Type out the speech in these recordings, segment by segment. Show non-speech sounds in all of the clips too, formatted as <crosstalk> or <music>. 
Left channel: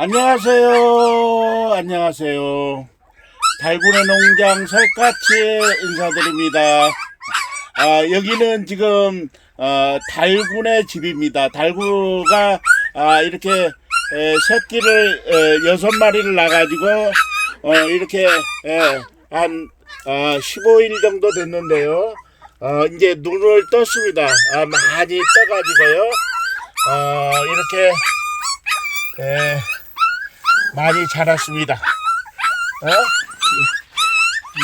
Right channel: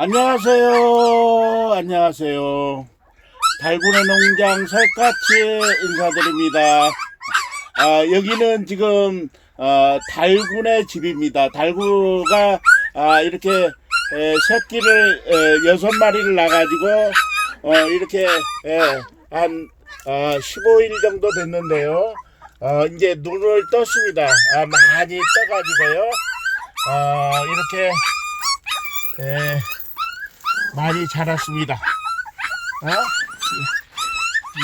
안녕하세요. 안녕하세요. 달군의 농장 설까치 인사드립니다. 아, 여기는 지금 어, 달군의 집입니다. 달구가 아, 이렇게 에, 새끼를 에, 여섯 마리를 낳아가지고 어, 이렇게 에, 한 어, 15일 정도 됐는데요. 어, 이제 눈을 떴습니다. 아, 많이 떠가지고요. 어, 이렇게 에, 많이 자랐습니다. 어? 이-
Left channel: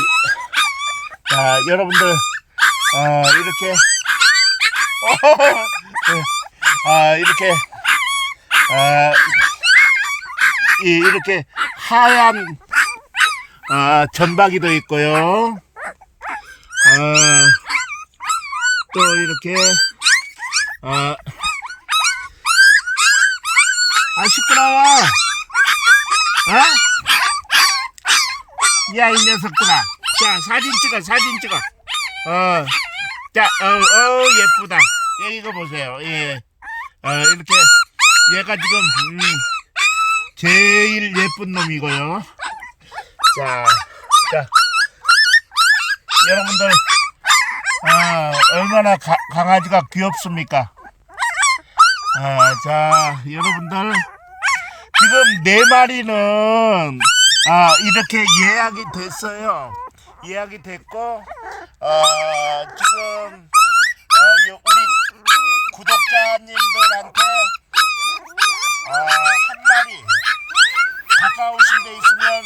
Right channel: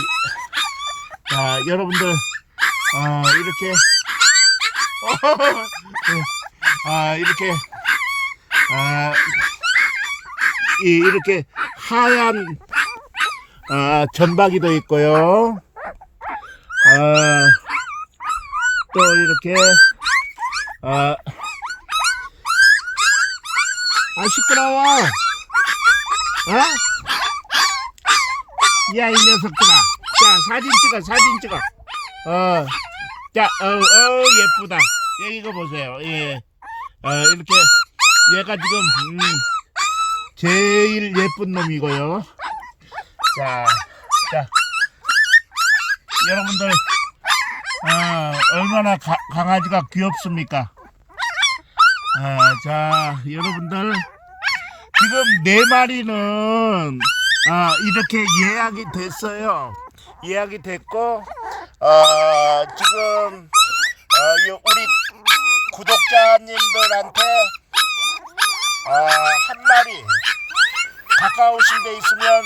자, 여러분들, 어, 이렇게, 아, 이렇게, 아, 이, 이렇게 하얀, 아, 전박이도 있고요. 아, 또 이렇게, 아, 아, 시끄러워! 어? 야, 이 녀석들아. 자, 사진 찍어, 사진 찍어. 어, 자, 어, 어, 예쁘다. 예, 이거 보세요. 예. 어, 이렇게, 얘가 지금, 음, 제일 예쁜 놈이고요. 자, 자. 여러분들, 어, 얼마나 가, 강아지가 귀엽습니까? 어, 자, 여러분들. 지금 네 마리는 아 이렇게 예약이 됐어요. 예약이 됐고 어, 지금 어, 요- 우리 구독자님들한테 어, 한 마리 가까우신 데 있으면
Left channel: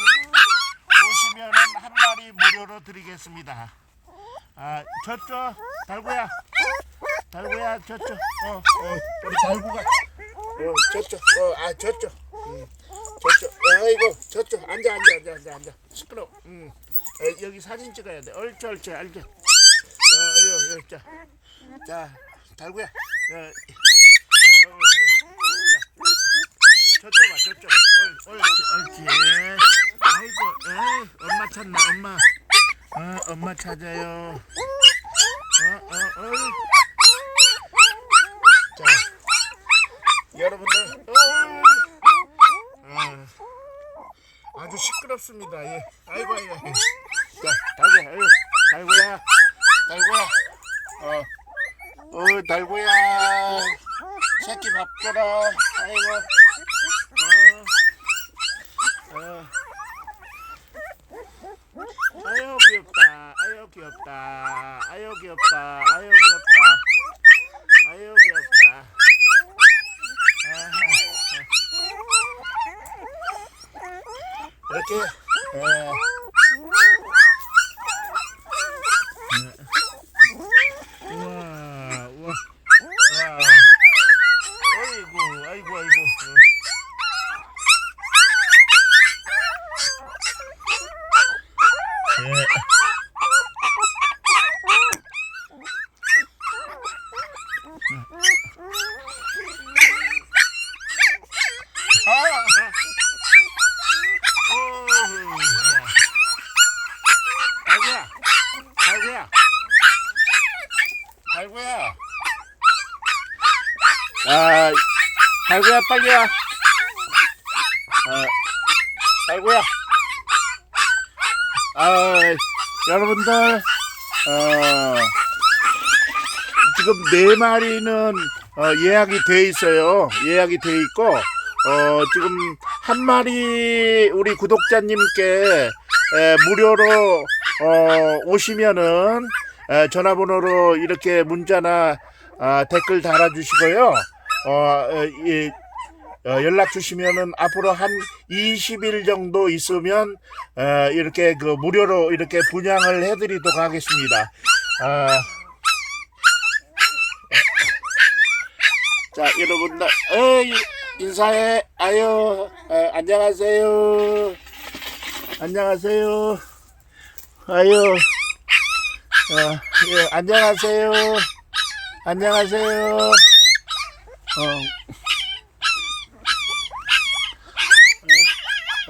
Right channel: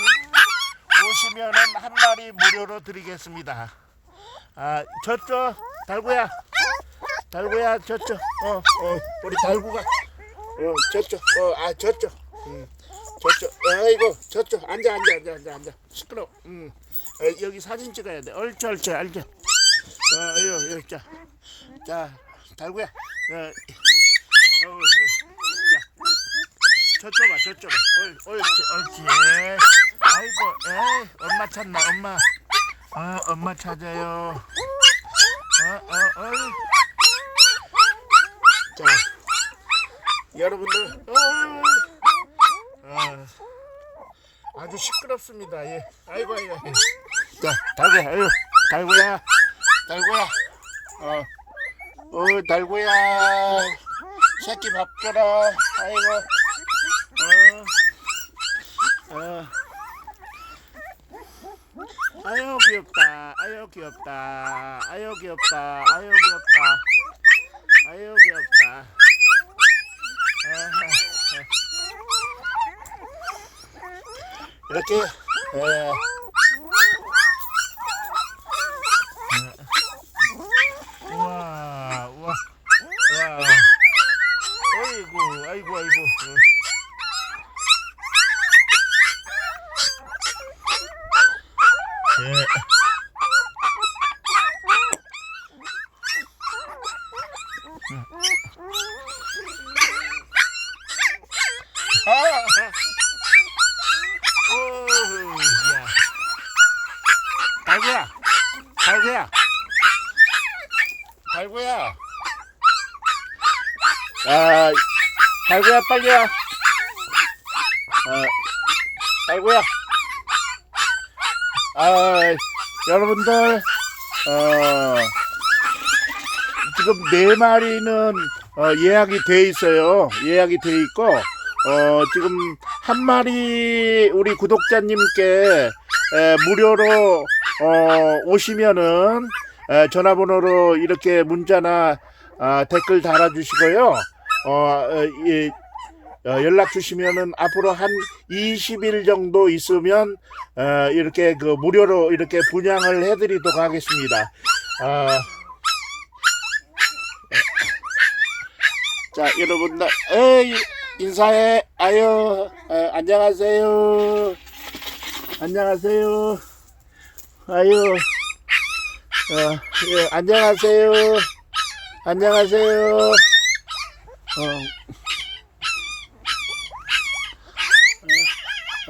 오시면은 한 마리 무료로 드리겠습니다. 아 저쪽 달구야. 달구야 저쪽 어, 어 우리 달구가. 어 저쪽 어아 저쪽 음. 저쪽 어이구 저쪽 앉아 앉아 앉아 앉아 앉아. 시끄러 음. 어, 여기 사진 찍어야 돼. 옳지 옳지 앉아 어 여기 여기 자 자 달구야. 어, 어, 어, 자. 저쪽 봐 저쪽 어, 옳지 옳지 아이고 에이 엄마 찾네 엄마. 어 엄마 찾아요. 어 어 어, 자. 여러분들 어, 아, 아주 시끄럽습니다. 예. 아이고 아이고. 아이고. 자, 달구야, 아유, 달구야, 달구야. 어, 어, 달구야. 새끼 밥 줘라. 아이고. 어, 어. 아유 귀엽다. 아유 귀엽다. 아유 귀엽다. 아유 귀엽다. 아유 귀엽다. 아하. 이렇게 예. 음. 우와, 우와, 우와. 아이고, 아이고, 아이고. 어. 예. 아! 오, 야. 달구야, 달구야, 달구야. 아, 달구야 빨리 와. 아, 달구야. 아, 여러분들, 어, 지금 네 마리는 어, 예약이 돼 있어요. 예약이 돼 있고, 어, 지금 한 마리 우리 구독자님께 에, 무료로 어, 오시면은 에, 전화번호로 이렇게 문자나 아, 댓글 달아주시고요. 어, 어, 연락 주시면은 앞으로 한 20일 정도 있으면 어, 이렇게 그 무료로 이렇게 분양을 해드리도록 하겠습니다. 아, 자, 여러분들, 에이, 인사해. 아유, 에, 안녕하세요. 안녕하세요. 아유, 어, 예, 안녕하세요. 안녕하세요. 어, 어,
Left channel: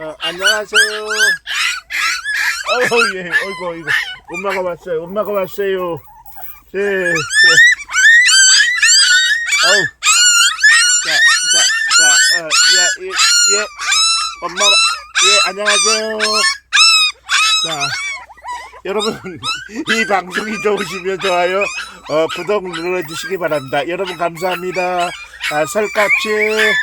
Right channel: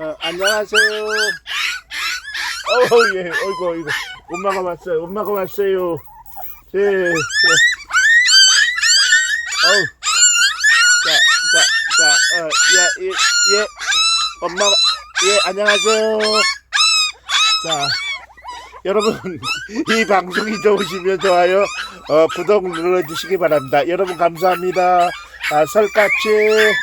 어, 안녕하세요. 어우, 예, 어이구, 이거. 엄마가 왔어요. 엄마가 왔어요. 예, 예. 어우. 자, 자, 자, 어, 야, 이, 예, 엄마 예 안녕하세요. 자 여러분 <laughs> 이 방송이 좋으시면 좋아요 어, 구독 눌러주시기 바랍니다. 여러분 감사합니다. 아, 설까치